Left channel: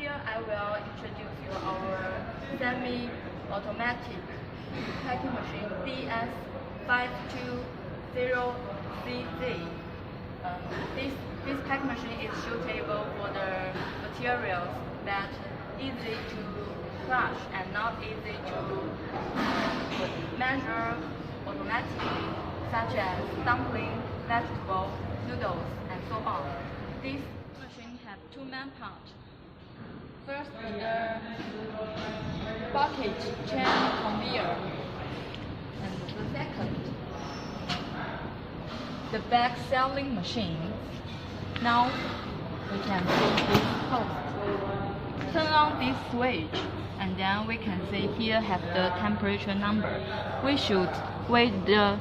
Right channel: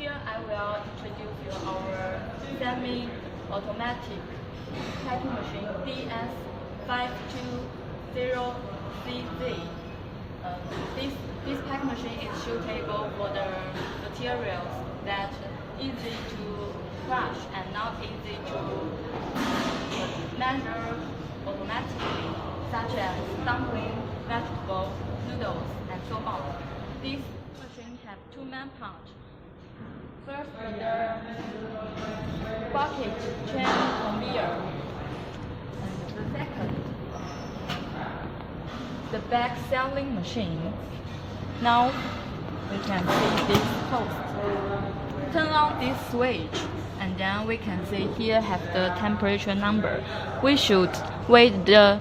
Here I will introduce you our semi-automatic packing machine DS-420CZ. This packing machine is suitable for the materials that easy to crush and not easy to measure automatically, such as dumpling, vegetable, noodles, and so on. This machine has two main parts. First, the bucket chain conveyor, and the second, the bag selling machine. Now we can see this post. Turn on this switch, and then we can see here have the temperature number. We should weight the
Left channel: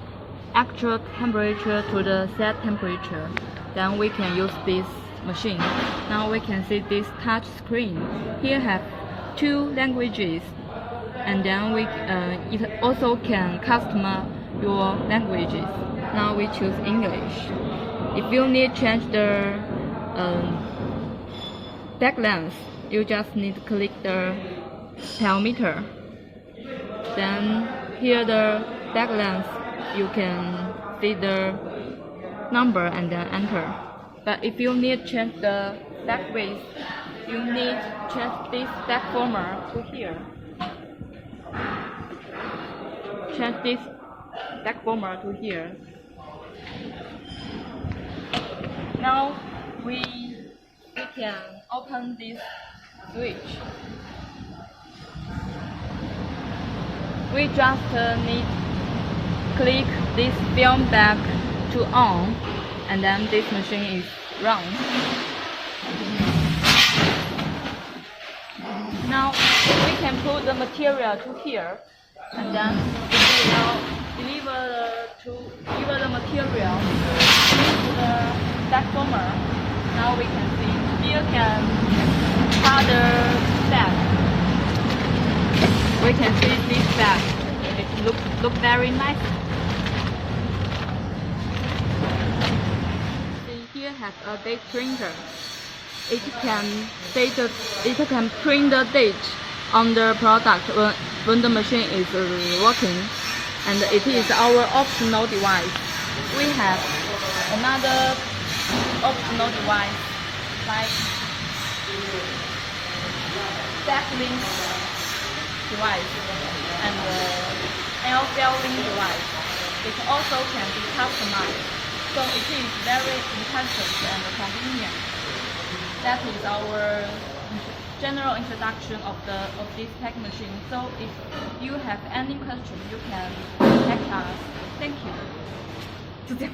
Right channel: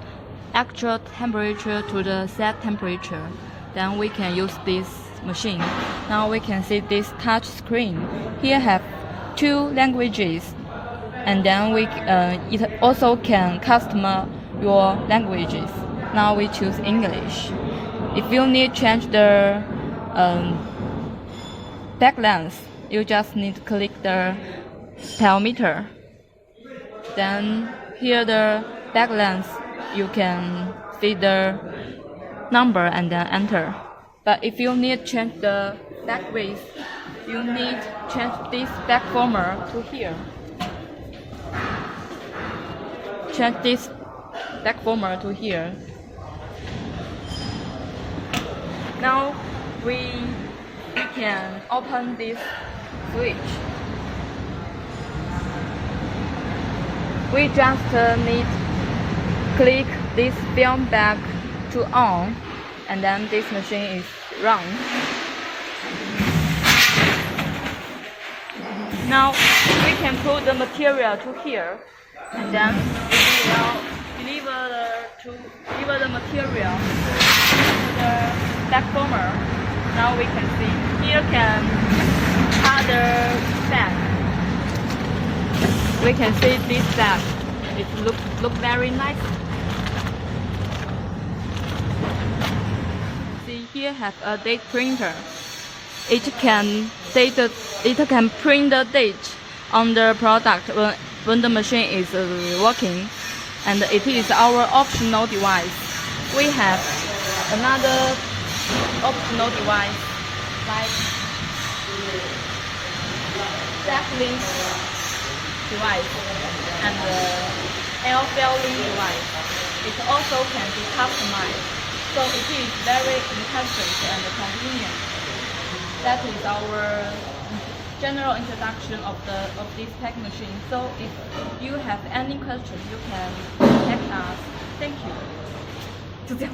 actual temperature to the set temperature. Then we can use this machine. Now we can see this touch screen. Here have two languages, and then it also can customize your languages. Now we choose English. If you need to change the bag length, you just need to click the thermometer. Then here the bag length, you can see the number and then enter. But if you need to change the bag width, you need to change this bag former to here. Change this bag former to here. Now we can open this switch. We just need to click this film bag to on, and then this machine is run. Now we can put the material to here, and then we will deliver the material to the bag former. Now we can see here can other bag. We can see this bag. It look very nice. See here have a date printer. It can print the date on the product when the machine is working, and it is our optional device. We have another optional device like stapling device and air filling device. It also can be customized, so it is very intelligent and convenient. That is our general introduction of this packing machine. So if you have any questions, you can contact us. Thank you. 就这样。